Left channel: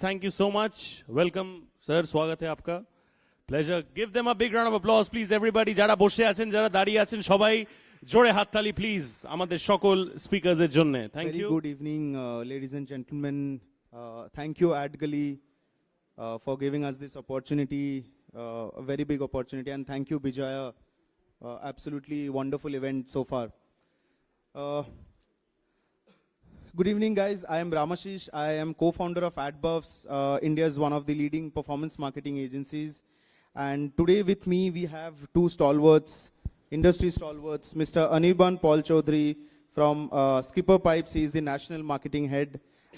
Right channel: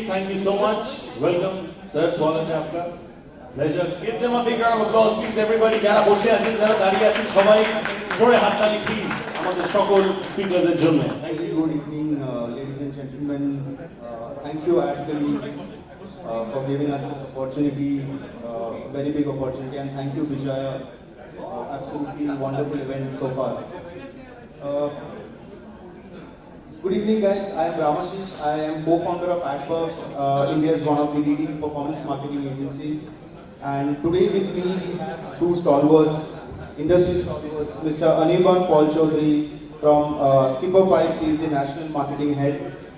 please. Thank you so much. Welcome, sir. Swagam hai aapka. Pleasure. Give them a big round of applause, please, everybody. Jara boshe achi tara dariye achi সবাই জোরে হাততালি please. আমাদের সকল স্পিকারদের জন্য। Thank you. Good evening, ladies and gentlemen. Thank you, Adgully, for giving us this opportunity, very big opportunity, and thank you, Vijaya. Absolutely wonderful event so far. Good evening, guys. I am Ramasish. I am co-founder of Adbuffs, India's one of the leading performance marketing agencies. And today with me we have two stalwarts, industry stalwarts, Mr. Anirban Chowdhury from Skipper Pipes. He is the national marketing head,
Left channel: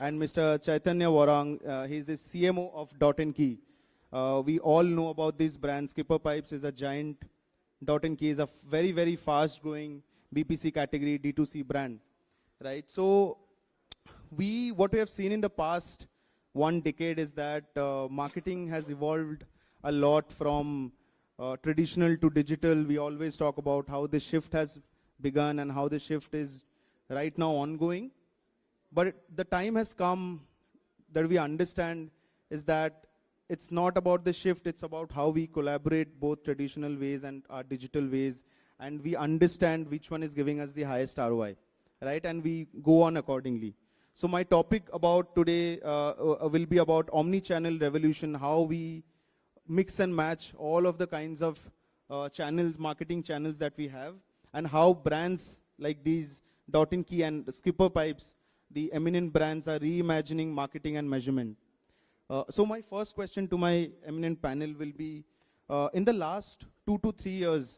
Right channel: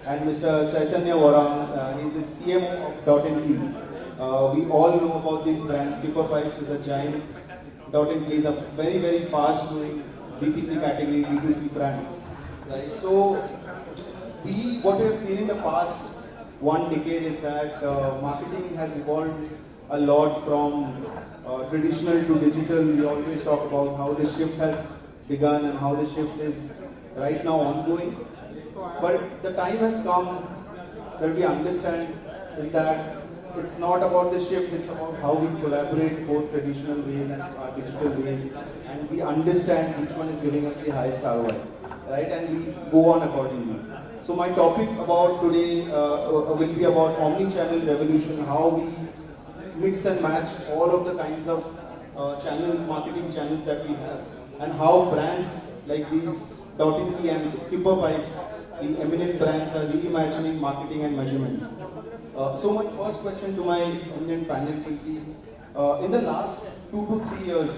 and Mr. Chaitanya Warang. He is the CMO of .ND. We all know about this brand. Skipper Pipes is a giant. .ND is a very, very fast-growing BPC category B2C brand. Right. So what we have seen in the past 1 decade is that marketing has evolved a lot from traditional to digital. We always talk about how the shift has begun and how the shift is right now ongoing. But the time has come that we understand is that it's not about the shift, it's about how we collaborate both traditional ways and digital ways, and we understand which one is giving us the highest ROI, right? And we go on accordingly. So my topic about today will be about omnichannel revolution, how we mix and match all of the kinds of marketing channels that we have, and how brands like these .ND and Skipper Pipes, the eminent brands, are reimagining marketing and measurement. So my first question to my eminent panel will be, in the last 2 to 3 years,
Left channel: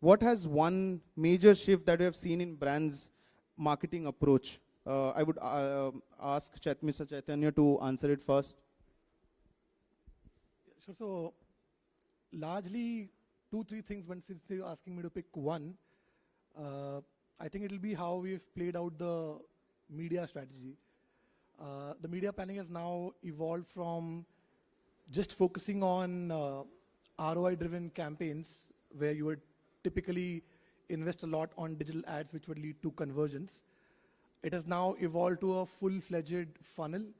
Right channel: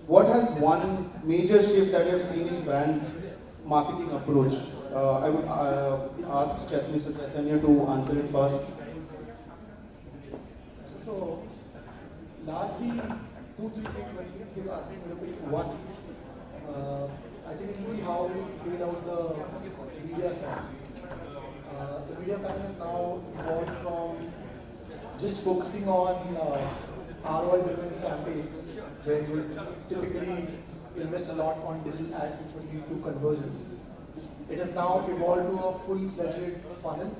what has one major shift that you have seen in brands' marketing approach? I would ask Mr. Chaitanya to answer it first. So, largely, 2-3 things you're asking me. One, I think it will be how we figure out the media strategy. The media pattern has now evolved from just focusing on ROI-driven campaigns, where we typically invest a lot on digital ads, which will lead to conversions. It has now evolved to a full-fledged funnel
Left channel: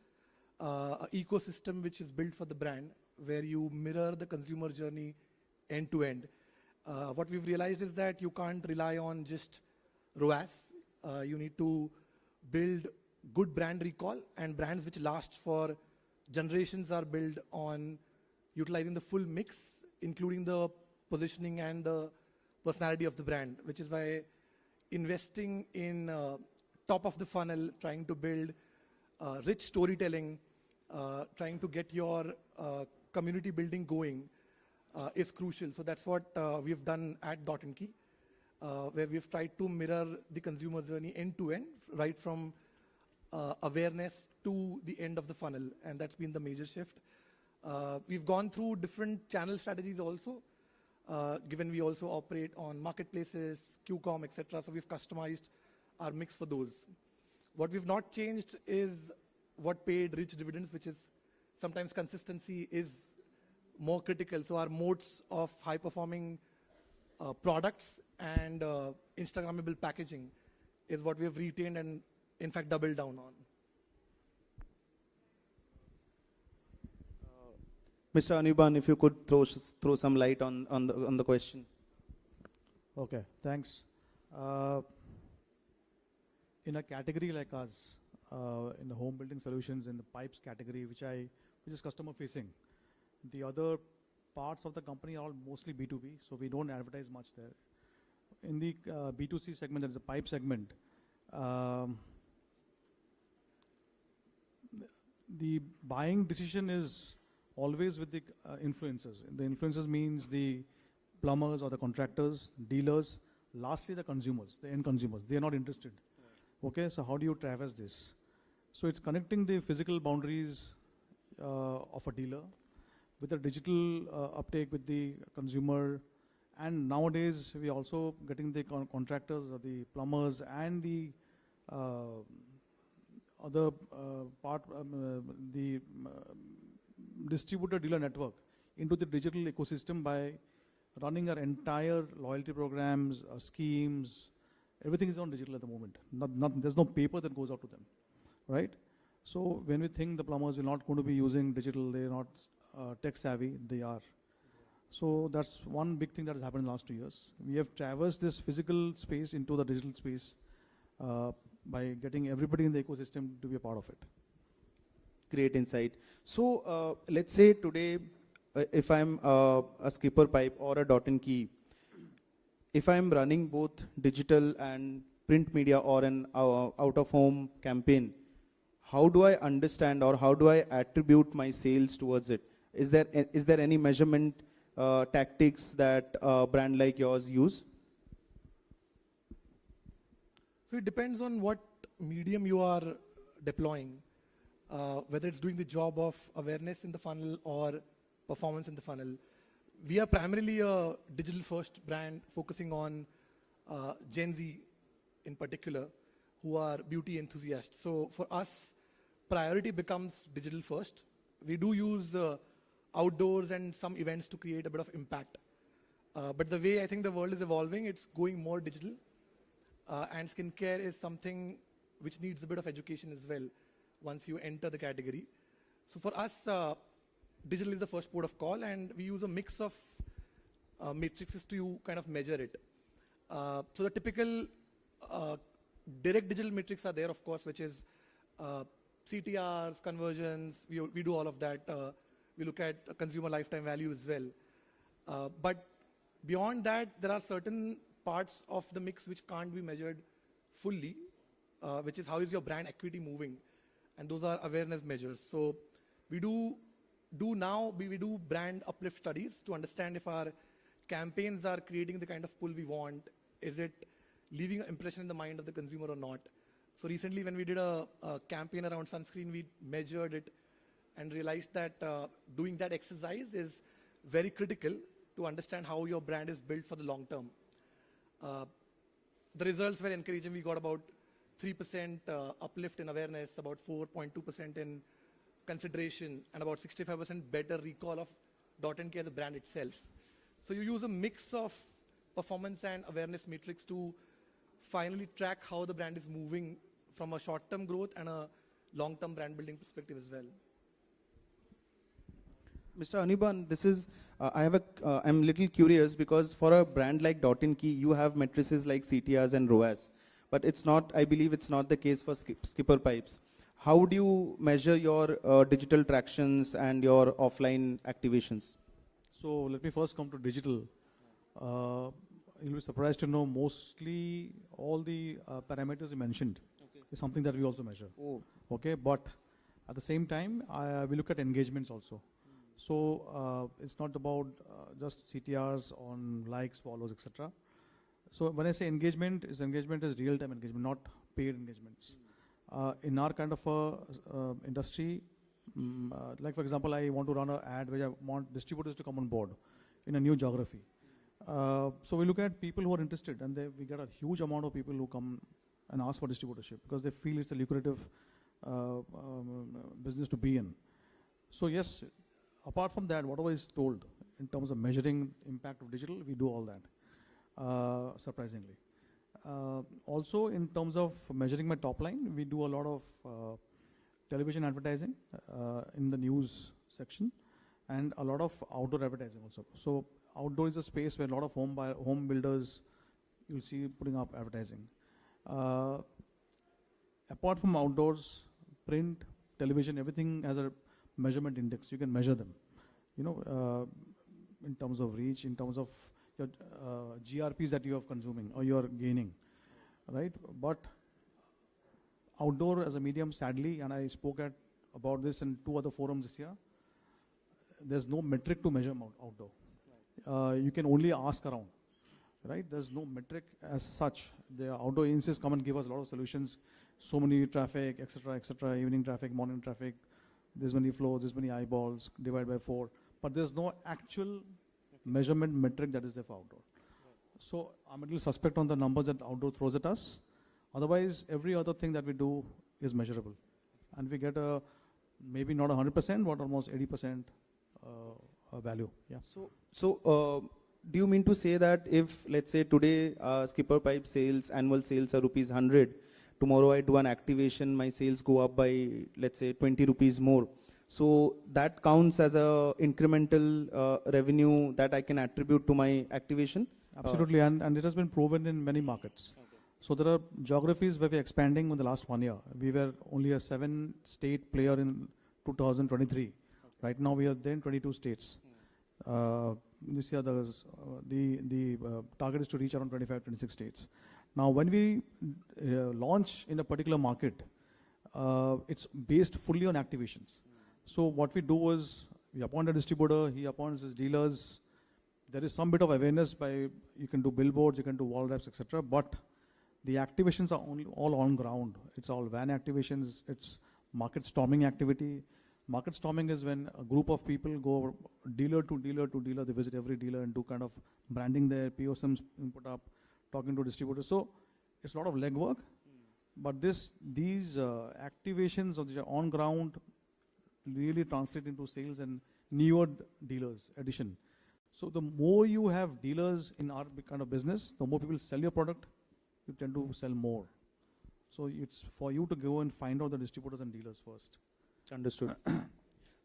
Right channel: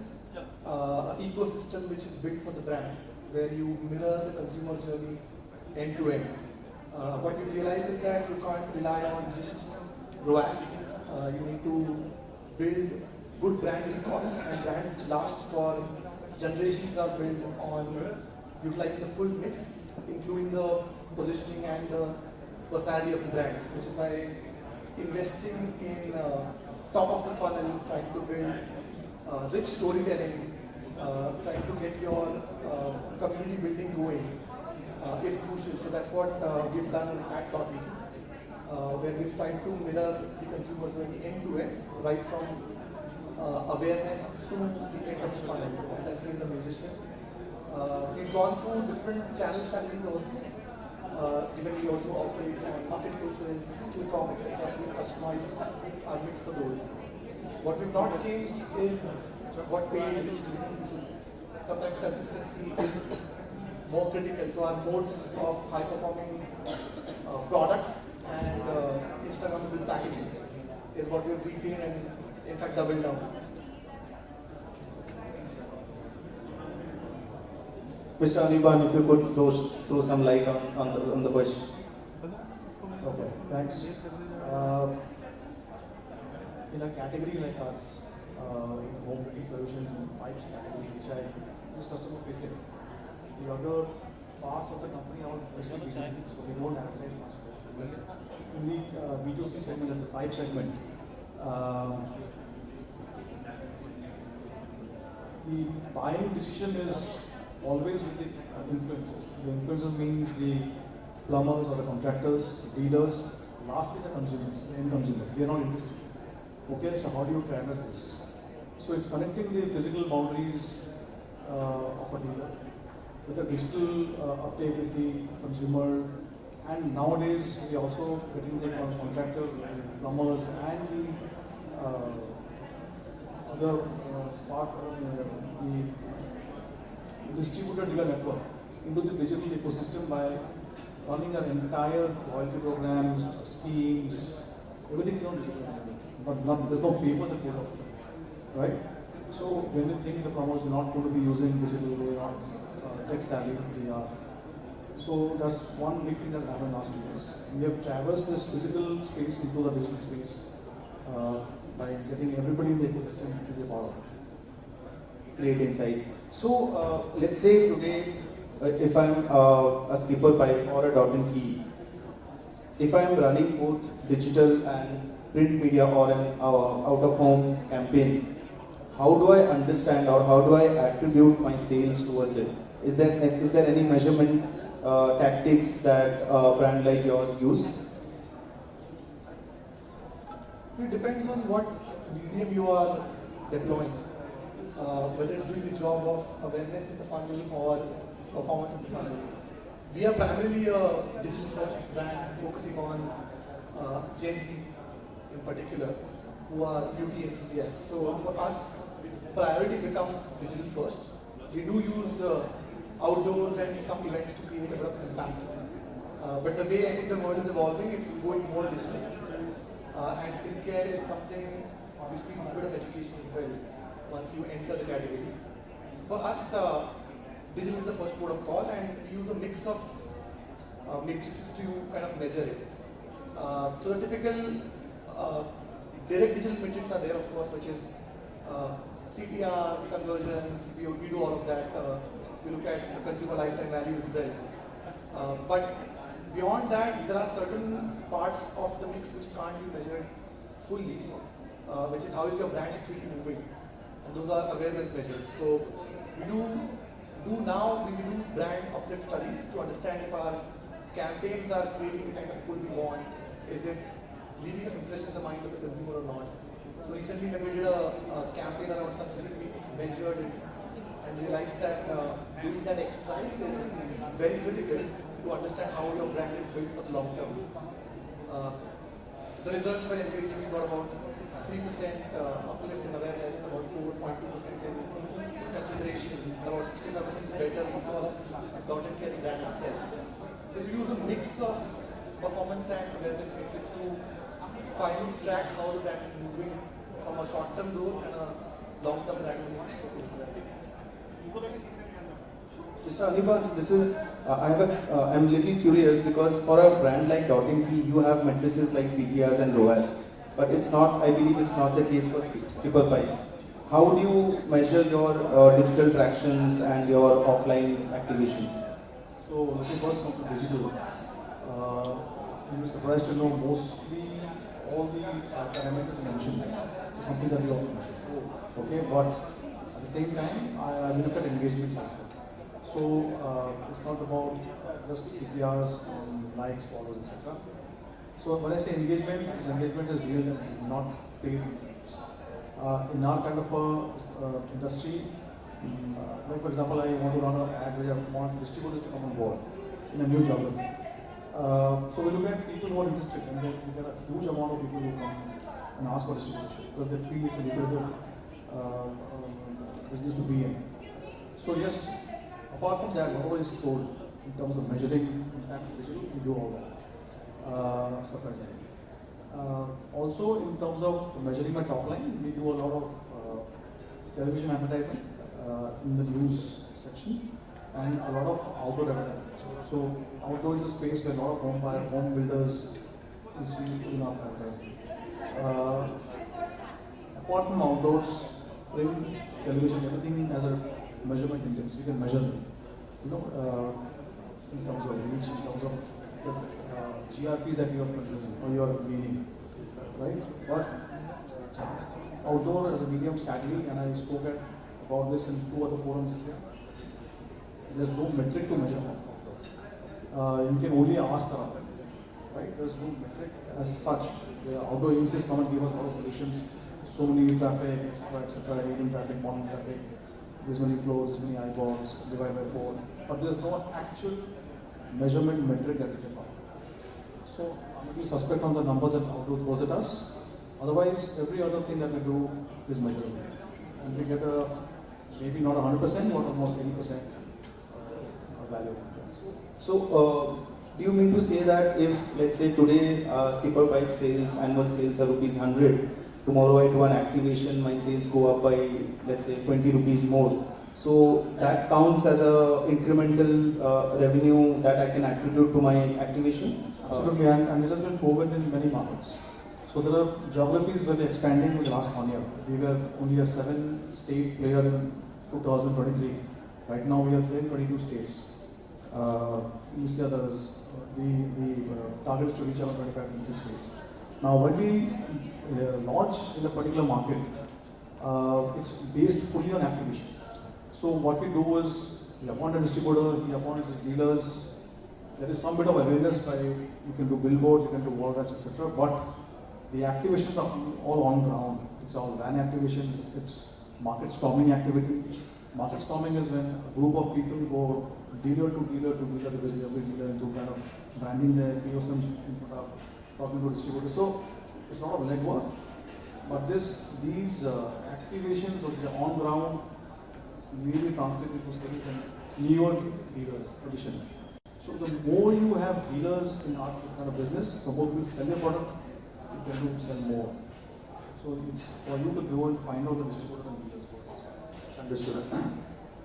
ecosystem which is built for the brand, where you mirror the consumer journey end to end. What we realized is that you can't rely on just ROAS. You need to build good brand recall, and brands which last for generations are built on utilizing the full mix, including the positioning and the personality of the brand, which is why investing in top of the funnel, trying to build rich storytelling, trying to get your community building going is crucial. So that's what we've done at Bhowmik, where we've tried to mirror the consumer journey end to end, right from awareness to the end of the funnel, and that's been the major shift. We've gone through different channel strategies also, given we also operate on marketplaces, e-commerce, etc. Customized mix of those. What we've not changed is what paid reach. Sometimes consistency is more critical. So our modes of high-performing products and Instagrammable packaging is what we're reading and in fact doubling down. Mr. Anirban, if you could throw some light on the question. Okay, thanks. In a category like us, in home solutions and pipes category, which I just customer facing, the other parts of the company are mostly B2C, so we don't advertise much. We need B2C segment as a pipe segment. The buying decision is always with the influencers. The influencers means the plumbers or the contractors, dealers, lastly the consumers, the end consumers. They are not interested. Okay, so how do you address this? So it's connecting the physical boundaries of a dealer with the digital uptake with the consumer, and nowadays we are also getting things from contractors, plumbers, and the other part of the distributor dealer network into the digital ecosystem by running our entire loyalty programs, schemes, everything is on digital. There's no people that work, right? So when you think the plumber is not going to be using tech savvy they are. So that's one big thing that happened last year. We have traversed this physical space into the digital space by getting everybody in the ecosystem to be forward. Great insight. So let's say today, if I'm a skipper pipe or a dot and key, if I'm running both digital and print media or an out-of-home campaign, how do I understand or how do I attribute my sales towards it? Is there any measurement tactics that brand like yours use? It depends on what medium you are deploying. Whether it's doing the job of awareness in the funnel or performance in the funnel. We are primarily a digital first brand focusing on Gen Z in particular, who are beauty enthusiasts. So for us, priority becomes digital first. We do use outdoors and some events to create a bit of impact. But the way I think the world is evolving, it's going more digital. And skincare is something which needs a bit of education as well once you enter the category. So for us, digital is the first port of call, and we use a mix of matrices to kind of measure it. So the typical direct digital metrics are there, of course, which is CTR, conversions, we do all of that. We look at consumer lifetime value as well. But beyond that, there are certain parts of the mix which can't be measured fully, which is how is your brand equity moving. And those are awareness measures. So we do brand uplift studies to understand if our campaigns are creating the kind of pool we want. Is it leaving an impression in the mind of the consumer or not? So recently when we did a campaign around sustainability measured and realized that doing that exercise is very critical to understand how your brand is going for the long term. The results were engaging for about 3% uplift in awareness, about 4.2% in consideration, about 65% better recall of dot and care brand itself. So we use a mix of performance and awareness metrics to finally track how the brand is moving from a short-term growth and a long-term brand building perspective. Mr. Anirban, I'm a little curious because for a brand like Dot & Key, you have matrices like CTRs and ROAS, but I believe it's not the case for skipper pipes. How do you measure your digital tractions and your offline activations? So it was digital. You'll be surprised to know mostly all the parameters mentioned. Something that we are okay, but at the same time, I look at engagement also. So it's not about just CPRs, likes, followers, etc. So when I say engagement is real and not paid. In our kind of industry, like for example, I want to run an ad where I want distributors to come on board in a new geography. So we look at people who are interested, and then we got a huge amount of people who come and ask for distribution because they feel it's a lucrative business to be in. So yes, apart from that, what is told in terms of measuring impact digital, we do all that. Surprisingly. Also, in terms of measuring my top line, we do a lot of television advertising in the news section and a lot of outdoor advertising. So outdoor is a space where a lot of home builders you see people advertising. Apart from outdoors, print, television, everything has a measurement index. You can measure, in terms of reach, in terms of GRPs that you are gaining, right? But outdoor as a medium strategy, and I spoke about this in 2 or 4 months. There's no metric to measure. You can only ask about it, right? There's no metric as such. Although you say someone gives us all solutions, so many traffic, etc., email traffic, morning traffic, there's many flows, many eyeballs, divided by 4. But there's no actual measurement metric that is involved. So we suspect on the numbers that outdoor throws at us. Otherwise, every other thing that we do is measurable. And we get maybe not 100%, but almost 80% value. So, do you mean to say that if, let's say, today skipper pipe sales, annual sales are ₹100, tomorrow I do an activation, my sales go up by, let's say, ₹20 more, So that counts as a incremental revenue that I can attribute to my activation. Absolutely, and it has been proven in many markets. So there are geographies where we're expanding in the last 1 year. We were only a 7-state player in 2023. Right now we are in 22 states. This year the target is to reach out 25 states. Now when we launch in a particular market, it's based fully on activation. So what we do is, you appoint a distributor, you appoint dealers. There is some bit of awareness by, you can do billboards, you can do wallets, etc. But the activations are all on ground. It's all van activations, it's market storming activity. Market storming is when a group of people go dealer to dealer to dealer, visit every dealer and do kind of branding their POS, talking to distributors. So it's a lot of legwork. But these activations which are on ground really translate into sales and newer dealers addition. So the more you have dealers in our kind of business, the more people sell your product, you can sell more. So it's for you to go and find out the distributors and dealers. Understood.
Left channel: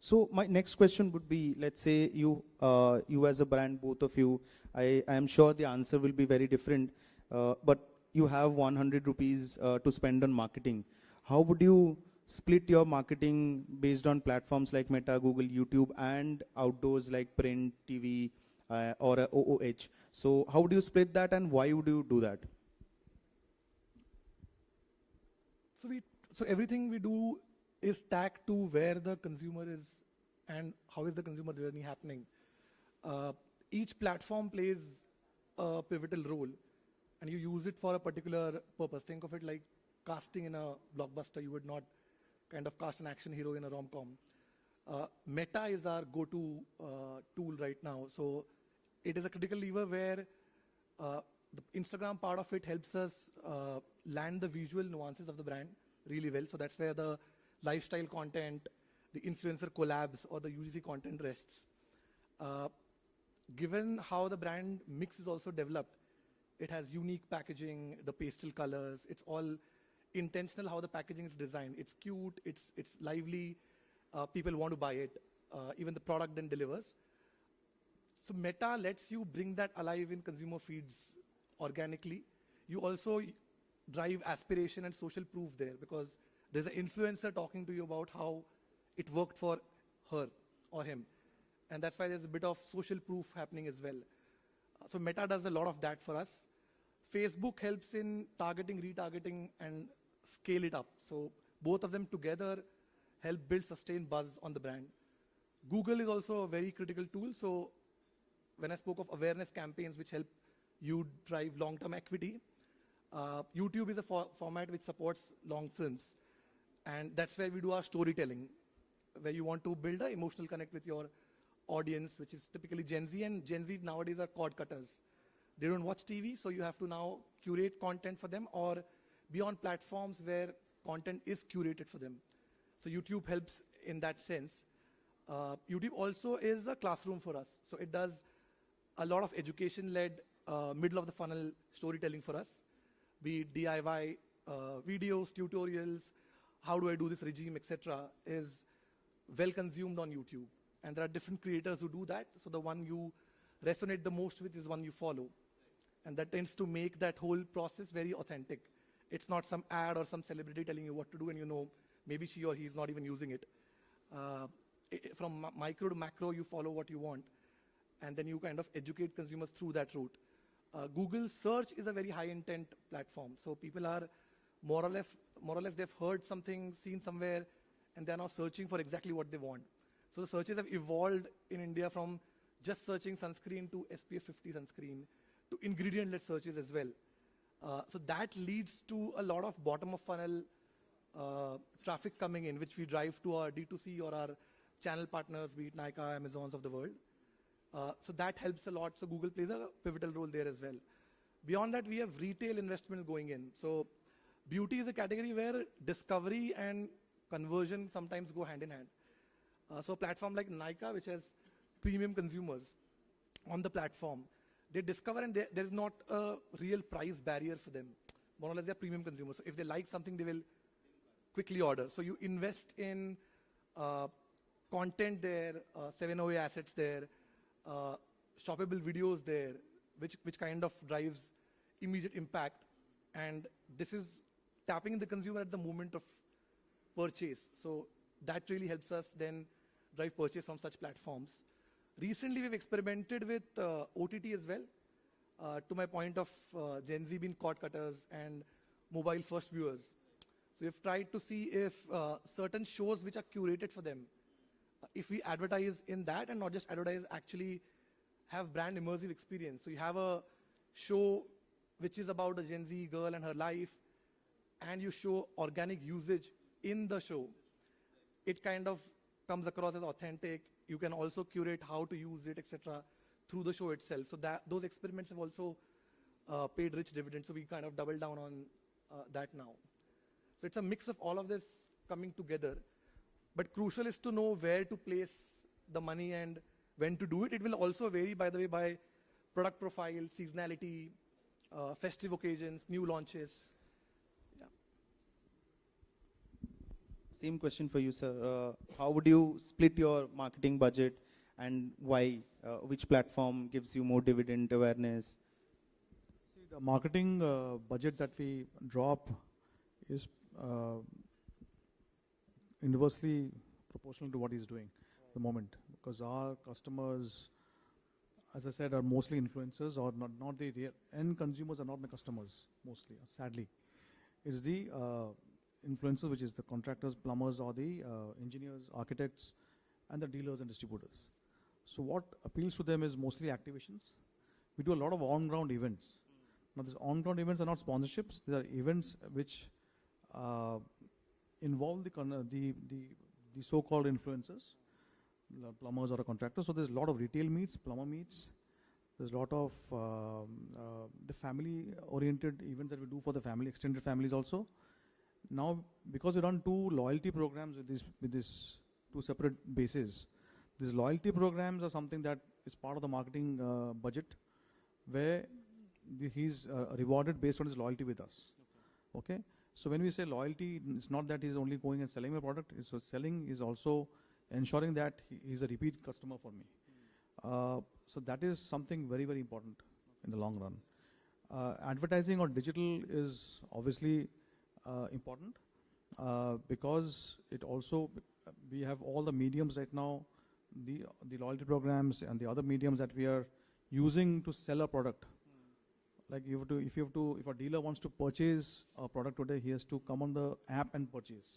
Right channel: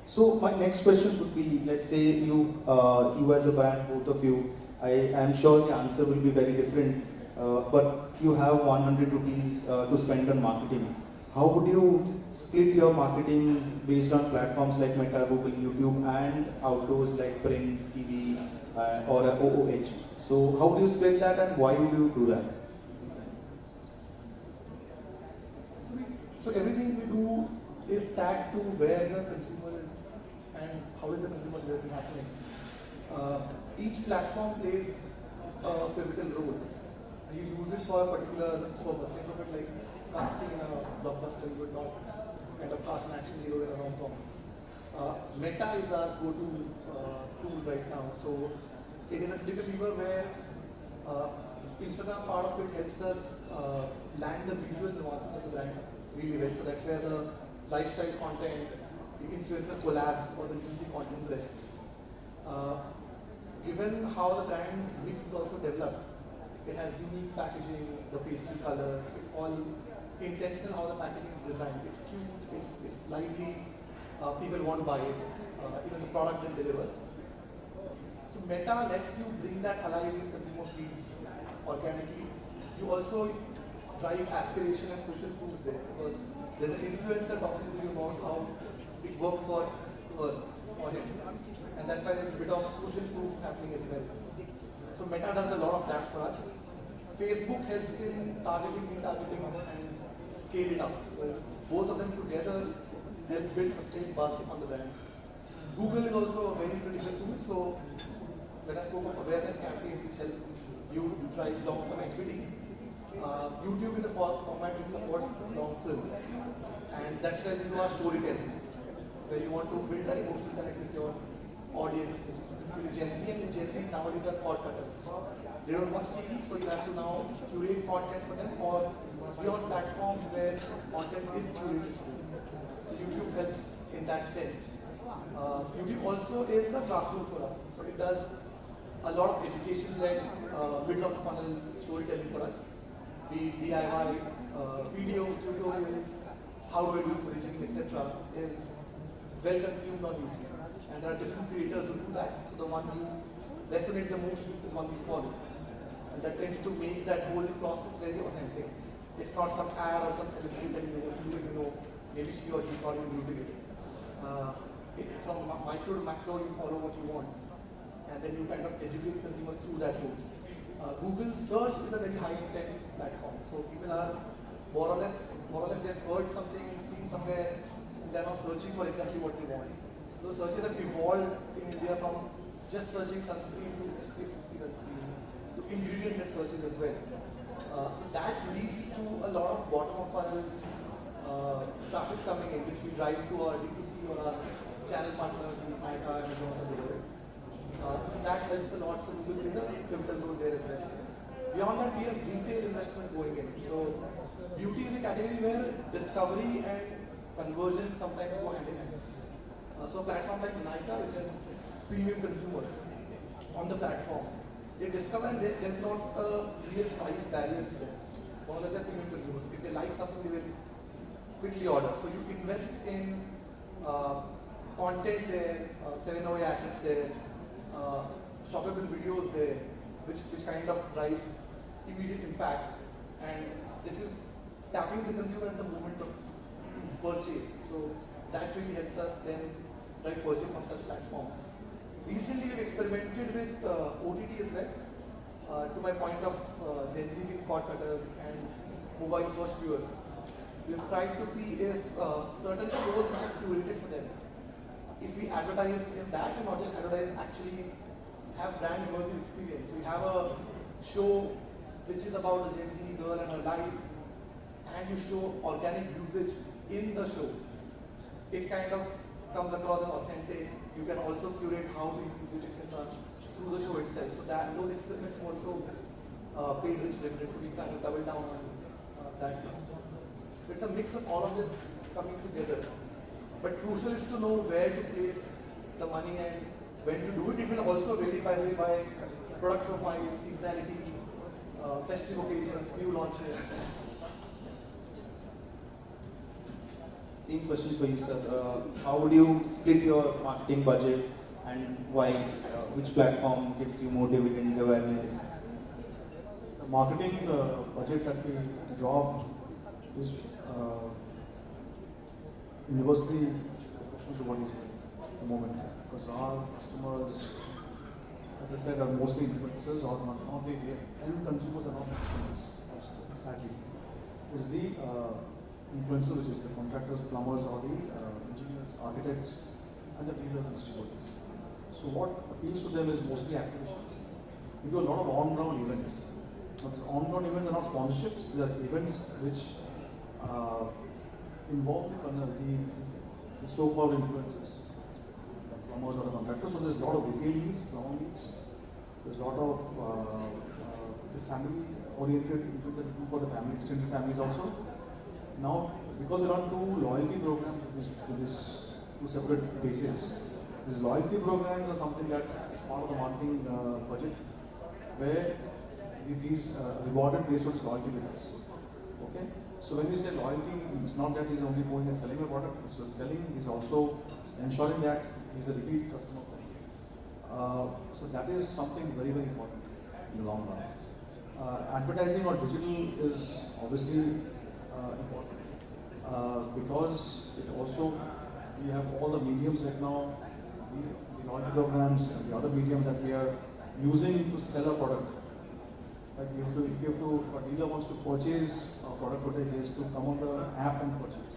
So my next question would be, let's say you as a brand, both of you, I am sure the answer will be very different, but you have 100 rupees to spend on marketing. How would you split your marketing based on platforms like Meta, Google, YouTube, and outdoors like print, TV, or OOH? So how do you split that, and why do you do that? So everything we do is tagged to where the consumer is and how is the consumer journey happening. Each platform plays a pivotal role, and you use it for a particular purpose. Think about it like casting in a blockbuster, you would not kind of cast an action hero in a rom-com. Meta is our go-to tool right now. So it is a typical lever where Instagram part of it helps us land the visual nuance of the brand really well. So that's where the lifestyle content, the influencer collabs, or the music content rests. Given how the brand mix is also developed, it has unique packaging, the pastel colors, it's all intentional how the packaging is designed. It's cute, it's lively, people want to buy it, even the product it delivers. So Meta lets you bring that alive because more feeds organically. You also drive aspiration and social proof there because there's an influencer talking to you about how it worked for her or him. And that's why there's a bit of social proof happening as well. So Meta does a lot of that for us. Facebook helps in targeting and scale it up. So both of them together help build sustained buzz on the brand. Google is also a very critical tool. So when I spoke of awareness campaigns which help you drive long-term equity, YouTube is a format which supports long films. And that's where you are storytelling, where you want to build an emotional connect with your audience, specifically Gen Z, and Gen Z nowadays are podcasters. They don't watch TV, so you have to now curate content for them, or be on platforms where content is curated. So YouTube helps in that sense. YouTube also is a classroom for us. So it does a lot of education-led, middle of funnel storytelling for us. Be DIY, videos, tutorials, how I do this, etc. is well consumed on YouTube. And there are different creators who do that. So the one who resonates the most is the one you follow. And that tends to make that whole process very authentic. It's not some ad or some celebrity that you know, maybe she or he thought you were using it. From micro to macro, you follow what you want. And then you kind of educate consumers through that route. Google search is a very high intent platform. So people are more or less they've heard something, seen somewhere, and they're now searching for exactly what they want. So searches have evolved in India from just searching sunscreen to sunscreen to ingredient searches as well. So that leads to a lot of bottom of funnel traffic coming in, which we drive to our D2C or our channel partners in Hyperlocal and so that helps a lot. So Google is a pivotal role there as well. Beyond that, we have retail investment going in. So beauty is a category we advertise in that knowledge advertise actually have brand immersive experience. You have a show which is about a Gen Z girl and her life, and you show organic usage in the show. It kind of comes across authentic. You can also curate how to use it, etc. through the show itself. So that those experiments also paid rich dividends. We can double down on that. It's a mix of all of this coming together. But crucial is to know where to place the money and when to do it. It will also vary by product profile, seasonality, festive occasions, new launches. Same question for you, sir. How do you split your marketing budget and why? Which platform gives you more dividend awareness? Marketing budget that we drop is universally what is the moment. Because our customers, as I said, are mostly influencers or not the end consumers are not customers. Sadly, is the influencers, which is the contractors, plumbers, or the engineers, architects, and the dealers and distributors. So what appeals to them is mostly activations. We do a lot of on-ground events. On-ground events are not sponsorships; they are events which involve the so-called influencers, plumbers or contractors. So there's a lot of retail needs, long needs. There's a lot of the family-oriented events for the family, extended families also. Now, because there are two loyalty programs in this two separate bases, these loyalty programs are something that is part of the marketing budget, where he's rewarded based on his loyalty with us. Okay? So when you say loyalty, it's not that he's only going and selling a product, so selling is also ensuring that he's a repeat customer. So that is something very, very important in the long run. Advertising on digital is obviously important because it also, we have all the mediums right now, the loyalty programs, the other mediums that we are using to sell our product. Like if a dealer wants to purchase a product today, he has to come on the app and purchase.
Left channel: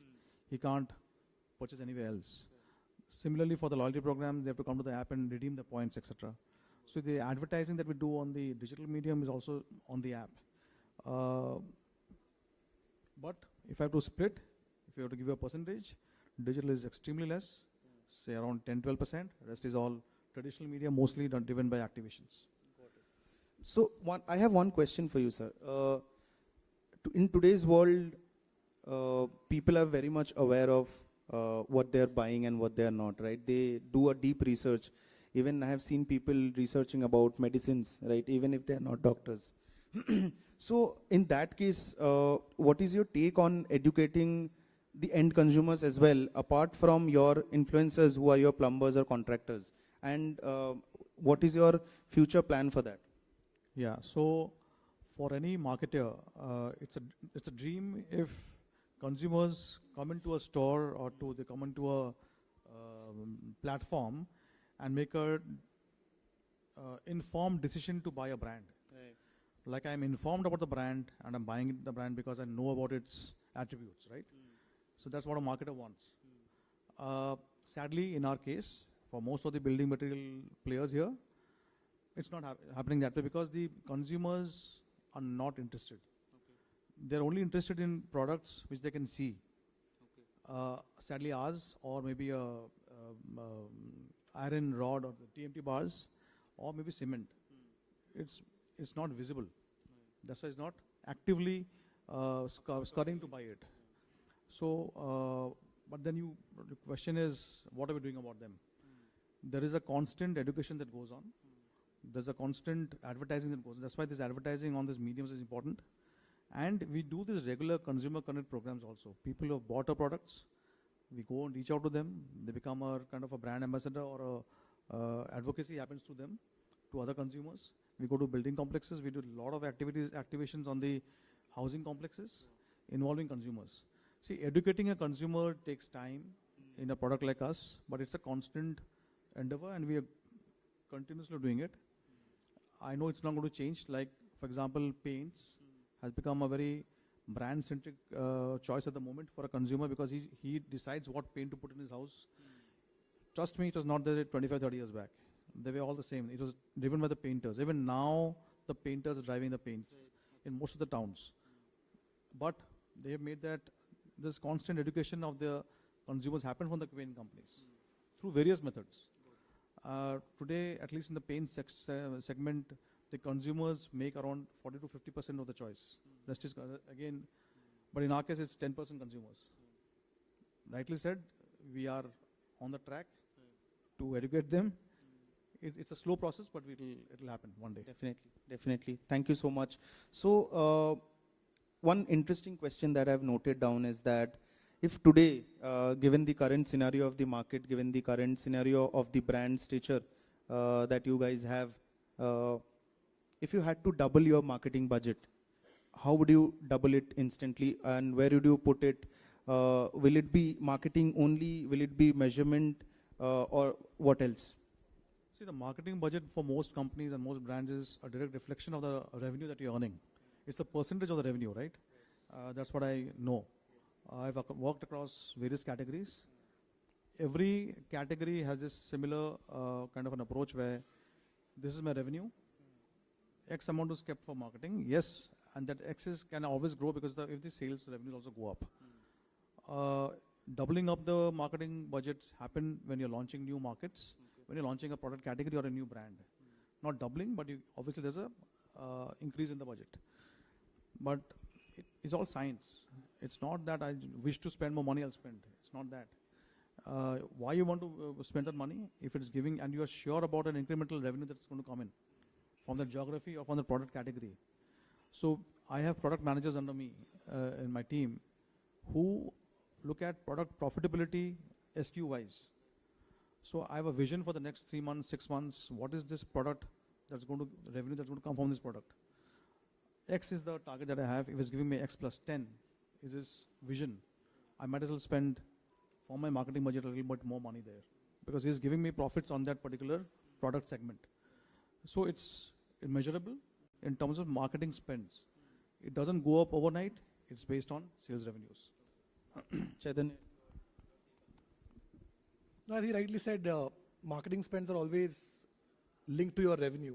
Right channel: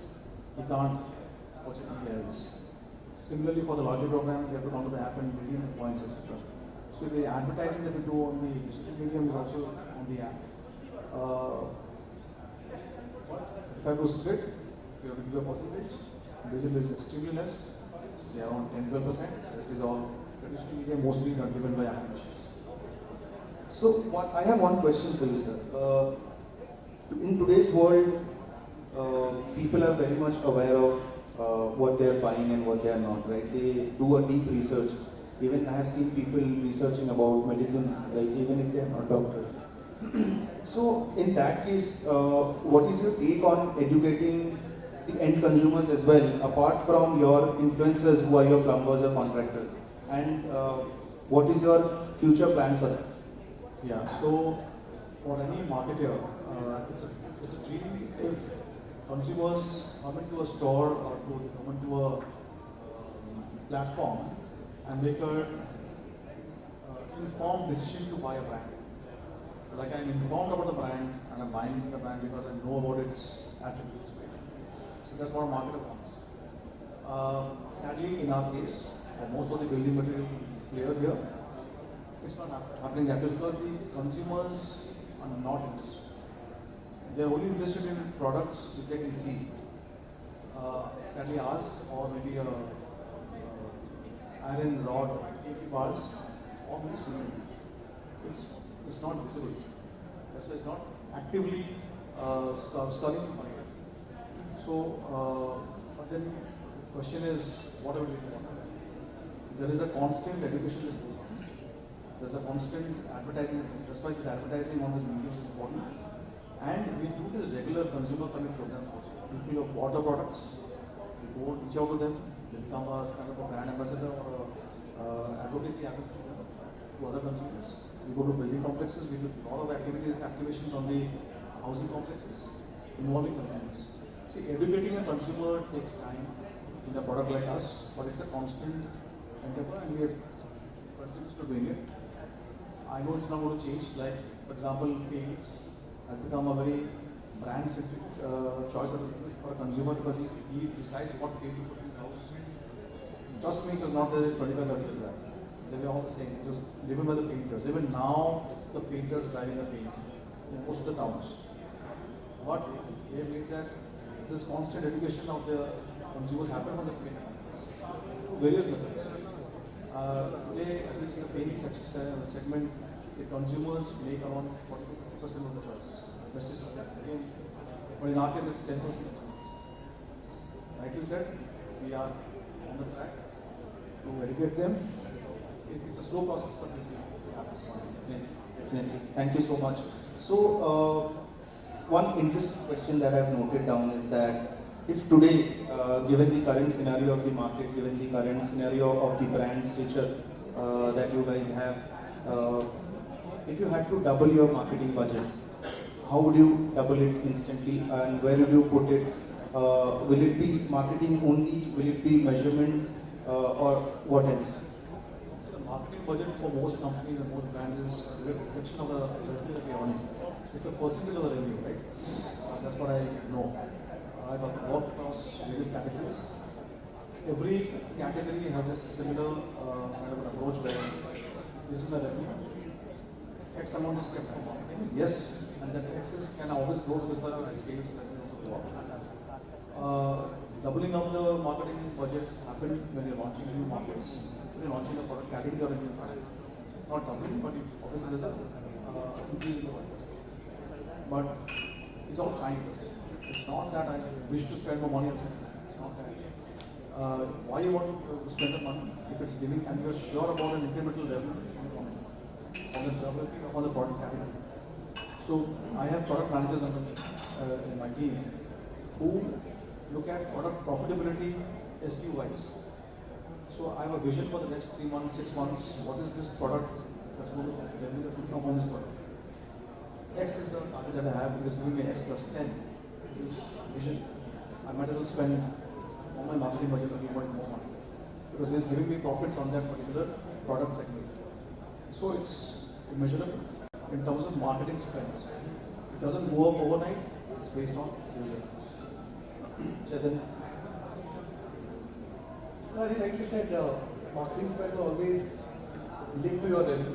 He can't purchase anywhere else. Similarly, for the loyalty program, they have to come on the app and redeem points, etc. So the advertising that we do on the digital medium is also on the app. If I was split, if you give a percentage, digital is extremely less, say around 10-12%. This is all traditional media, mostly driven by acquisitions. So I have one question for you, sir. In today's world, people are very much aware of what they are buying and what they are not, right? They do a deep research. Even I have seen people researching about medicines, like even if they are not doctors. So in that case, what is your take on educating the end consumers as well, apart from your influencers who are your plumbers or contractors? And what is your future plan for that? Yeah, so for any marketer, it's a dream if consumers come into a store or come into a platform and make an informed decision to buy a brand. Like I'm informed about the brand and I'm buying the brand because I know about its attributes. So that's what a marketer wants. Sadly, in our case, for most of the building material players here, it's not happening that because the consumers are not interested. They are only interested in products which they can see. Sadly, ours or maybe a iron rod of ours, or maybe cement. It's not visible. It's not actively studying. So then the question is, what are we doing? There is a constant education. There's a constant advertising. That's why this advertising on this medium is important. And we do this regular consumer connect program. People who have bought the products, we go reach out to them, they become a kind of brand ambassador or advocacy to other consumers. We go to building complexes, we do a lot of activations on the housing complexes involving consumers. See, educating a consumer takes time in a product like us, but it's a constant endeavor and we are continuously doing it. I know it's not going to change, like for example, paints has become a very brand-centric choice for a consumer because he decides what paint to put in his house. trust me, it was not the 25, 30 They were all the same. It was driven by the painters. Even now, the painters driving the paints in most of the towns. But they made that this constant education of the consumers happen on the paint. Various levels. They use the paint segment. The consumers make around 40% of the choice. That's just but in our case, it's 10%. Like you said, we are on the track to educate them. It's a slow process, but Definitely. Thank you so much. So, one interesting question that I have noted down is that if today, given the current scenario of the market, given the current scenario of the brand stature that you guys have, if you had to double your marketing budget, how do you double it instantly and where will you put it? Will it be marketing only? Will it be measurement or what else? the marketing budget for most companies and most brands is a reflection of the revenue that you're earning. It's a percentage of the revenue, right? That's what I know. I've worked across various categories. Every category has a similar kind of approach where this is a revenue. X amount is kept for marketing. Yes. And that excess can always go with the sales doubling of the marketing budgets happen when you're launching new markets. If you're launching a product category, not doubling, but obviously there's a but it's all science. It's not that I wish to spend more money. It's not that. Why you want to spend the money? If it's giving and you're sure about the incremental level on the geography or on the product category. So I have product managers in my team who look at product profitability SKU-wise. So I have a vision for the next 3 months, 6 months. What is this product that's going to perform this product? X is the target that I have because give me X plus 10. This is vision. I might as well spend my marketing budget a little more because it is giving me profits on that particular product segment. So it's measurable. In terms of marketing expense, it doesn't go up overnight, it's based on sales. Chaitanya? I think, like you said, marketing spend is always linked to your revenue.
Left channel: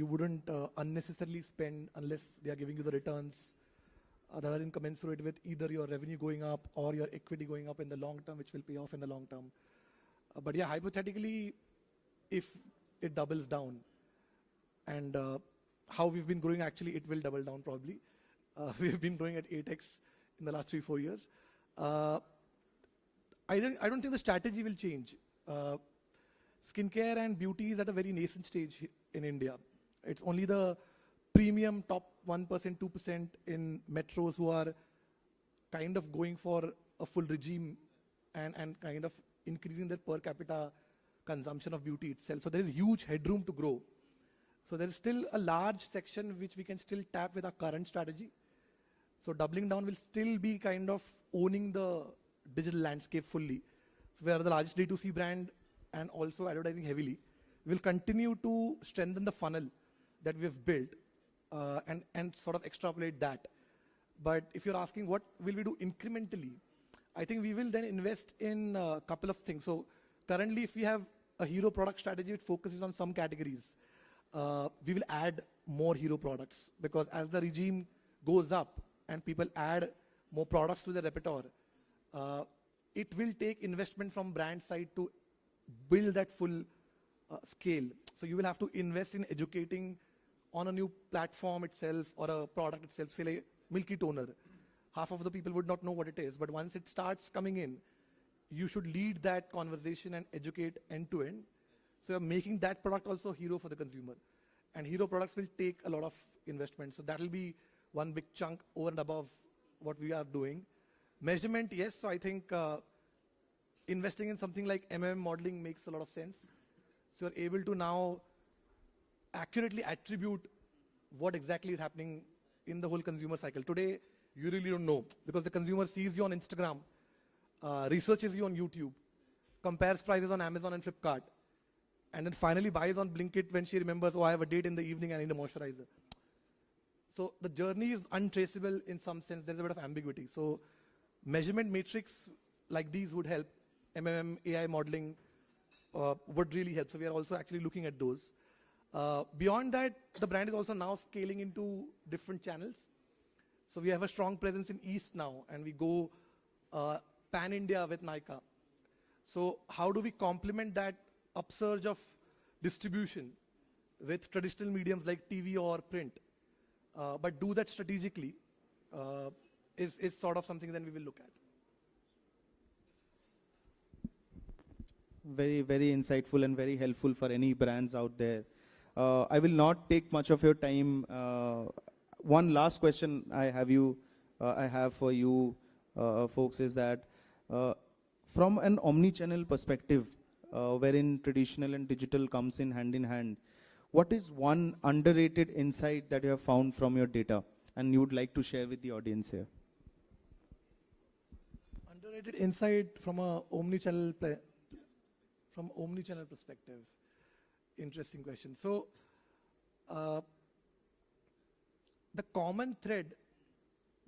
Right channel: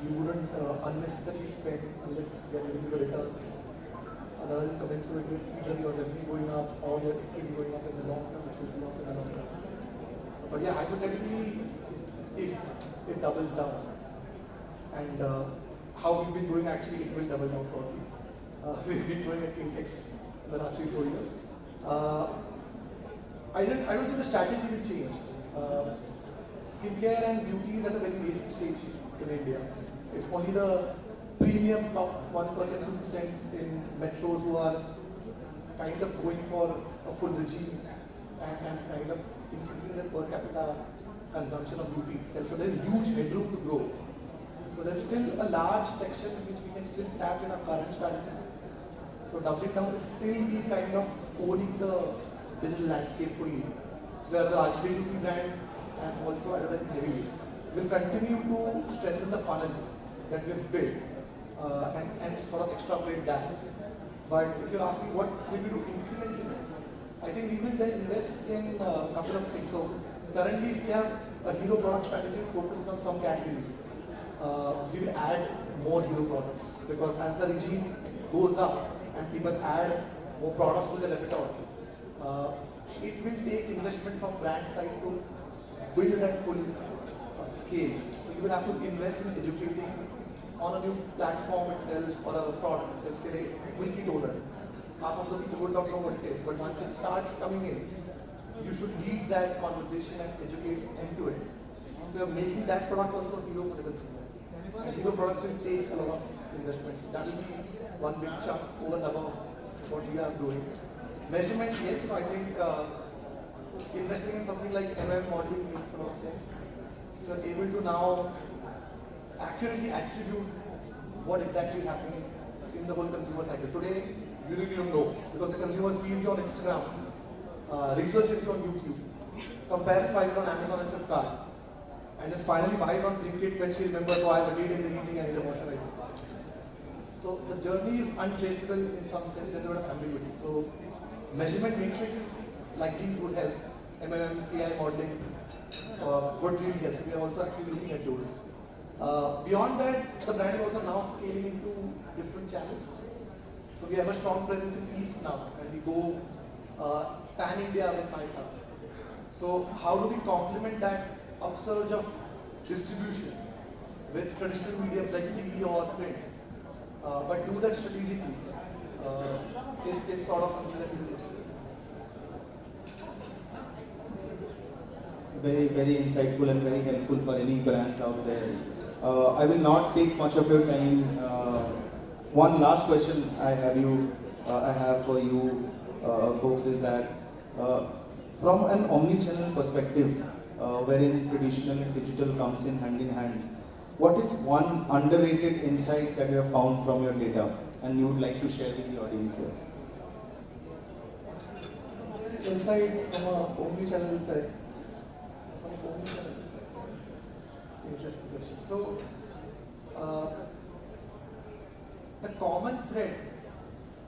You wouldn't unnecessarily spend unless there are good returns. Other than commensurate with either your revenue going up or your equity going up in the long term. But yeah, hypothetically, if it doubles down and how we've been going actually, it will double down probably. We've been going at 8x in the last 3-4 years. I don't think the strategy will change. Skincare and beauty is at a very basic stage in India. It's only the premium top 1%, 2% in metros who are kind of going for a full regime and kind of increasing their per capita consumption of beauty itself. So there's a huge headroom to go. So there's still a large section which we can still tap with our current strategy. So doubling down will still be kind of owning the digital landscape fully, where the RCDC brand and also advertising heavy will continue to strengthen the funnel that we've built and sort of extrapolate that. But if you're asking what will we do incrementally, I think we will then invest in a couple of things. So currently we have a hero product strategy focused on some categories. We will add more hero products because as the regime goes up and people add more products to the repertoire, it will take investment from brand side to build that full scale. So you will have to invest in educating on a new platform itself or a product itself. Say, make it older. Half of the people would not know what it is, but once it starts coming in, you should lead that conversation and educate into it. So you're making that product also hero for the consumer. And hero products will take a lot of investments. That will be one big chunk over and above what we are doing. Measurement, yes, I think investing in something like ML modeling makes a lot of sense. So you're able to now accurately attribute what exactly is happening in the whole consumer cycle. Today, you really don't know because the consumer sees you on Instagram, researches on YouTube, compares prices on Amazon and Flipkart, and then finally buys on LinkedIn when she remembers why I read in the evening and the website. So the journey is untraceable in some sense, there's a lot of ambiguity. So measurement matrix like these would help, MMM, AI modeling, what really helps. We are also actually looking at those. Beyond that, the brand is also now scaling into different channels. So we have a strong presence in East now, and we go pan-India with MyCar. So how do we complement that upsurge of distribution with traditional media like TV or print, but do that strategically is sort of something that we do. Very, very insightful and very helpful for any brands out there. I will not take much of your time. One last question I have for you folks is that from an omnichannel perspective, wherein traditional and digital comes in hand, what is one underrated insight that you have found from your data and you would like to share with the audience here? Insight from our omnichannel that interesting question. So, the common thread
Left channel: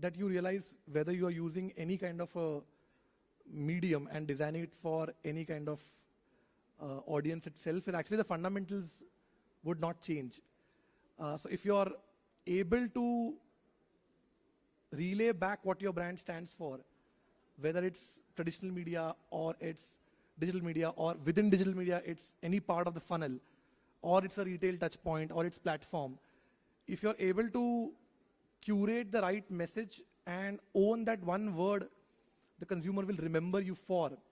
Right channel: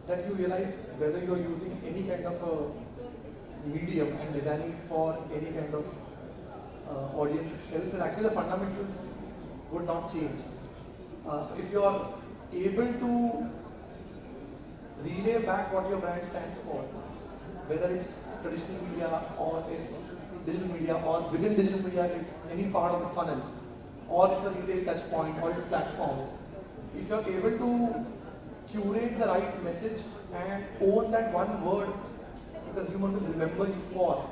that you realize whether you are using any kind of a medium and designing for any kind of audience itself, is actually the fundamentals would not change. So if you are able to relay back what your brand stands for, whether it's traditional media or it's digital media, or within digital media it's any part of the funnel, or it's a retail touch point, or it's a platform. If you're able to curate the right message and own that one word the consumer will remember you for,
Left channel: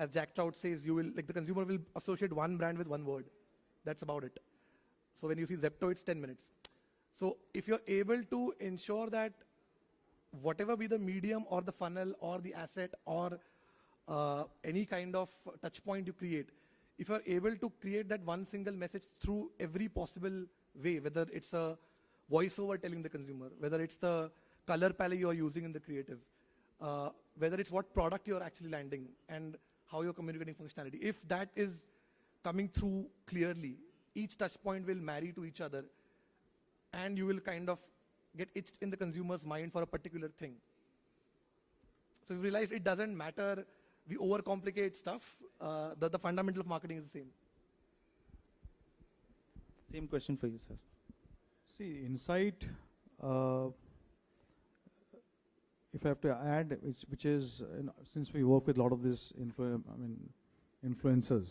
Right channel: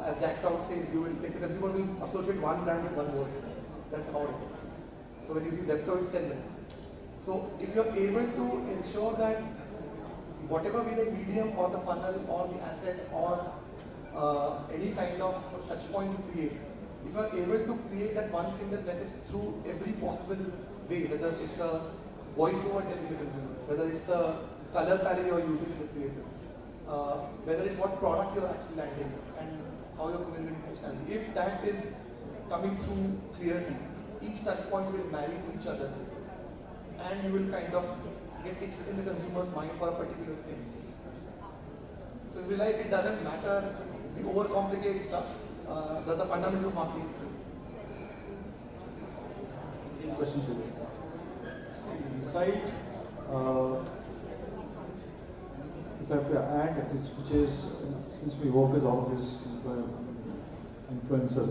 as Jack Trout says, the consumer will associate one brand with another word. That's all it. So when you see Decode, it's 10 minutes. So if you're able to ensure that whatever be the medium or the funnel or the asset or any kind of touch point you create, if you are able to create that one single message through every possible way, whether it's a voice-over television, whether it's the color palette you are using in the creative, whether it's what product you are actually landing and how you are communicating functionality. If that is coming through clearly, each touch point will marry to each other and you will kind of get itched in the consumer's mind for a particular thing. So you realize it doesn't matter, we overcomplicate stuff, the fundamental marketing. Any questions, please? Insight, if I have to add, which is, since we work with all these influencers,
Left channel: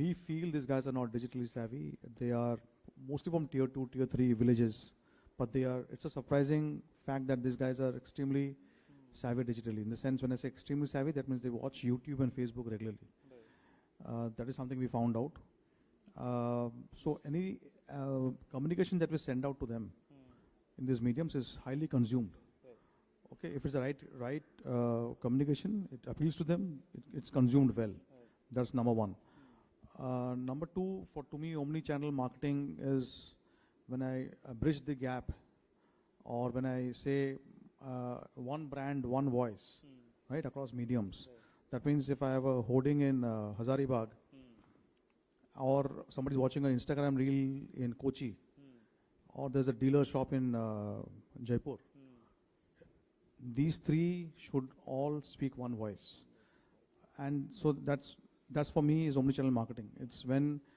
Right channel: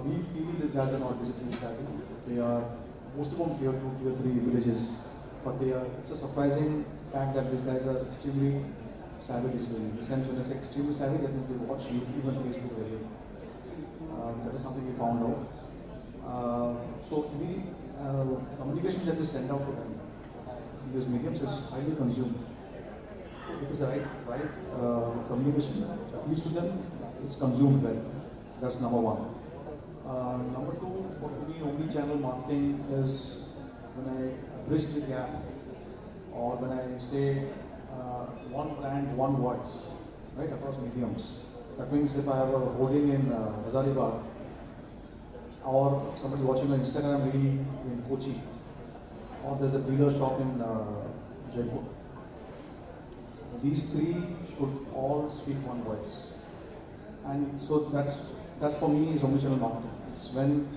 we feel these guys are not digitally savvy. They are most of them tier 2, tier 3 villages, but it's a surprising fact that these guys are extremely savvy digitally. Essentially, it's extremely savvy and they watch YouTube and Facebook daily. That is something we found out. So we communication that is sent out to them in this medium is highly consumed. If it's the right communication reach to them, it's consumed well. That's number one. Number two, for me, omnichannel marketing is when I bridge the gap, or when I say one brand, one voice, right, across mediums. That means if I were holding in Hazaribagh, or somebody watching an Instagram reel in Kochi, or there's a dealer shop in Jaipur. These three should all speak one voice. And so that's for me is omnichannel marketing. It's when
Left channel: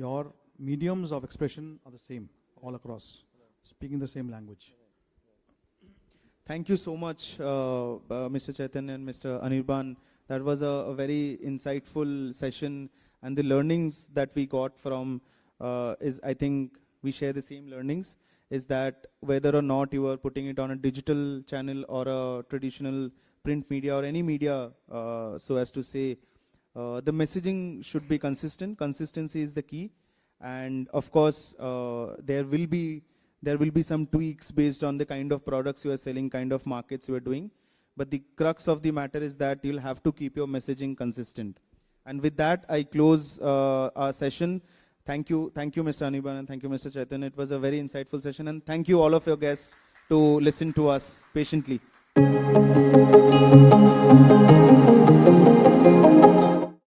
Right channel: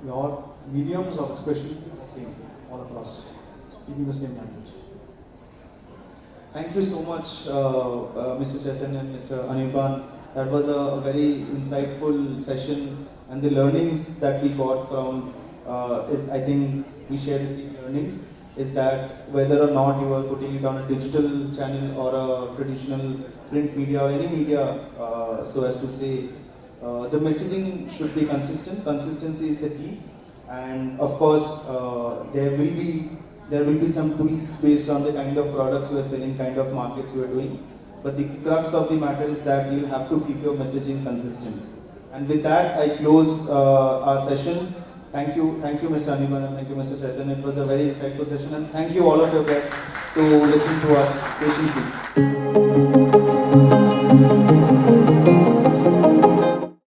your mediums are especially the same all across, speaking the same language. Thank you so much, Mr. Chaitanya and Mr. Anirban. That was a very insightful session, and the learnings that we got from is, I think we share the same learnings, is that whether or not you are putting it on digital channel or a traditional print media or any media, so as to say, the messaging should be consistent. Consistency is the key, and of course, there will be some tweaks based on the kind of products you are selling, kind of markets you are doing. But the crux of the matter is that you have to keep your messaging consistent. And with that, I close our session. Thank you, Mr. Anirban, thank you, Mr. Chaitanya. It was a very insightful session. And thank you all of your guests to listen to us patiently.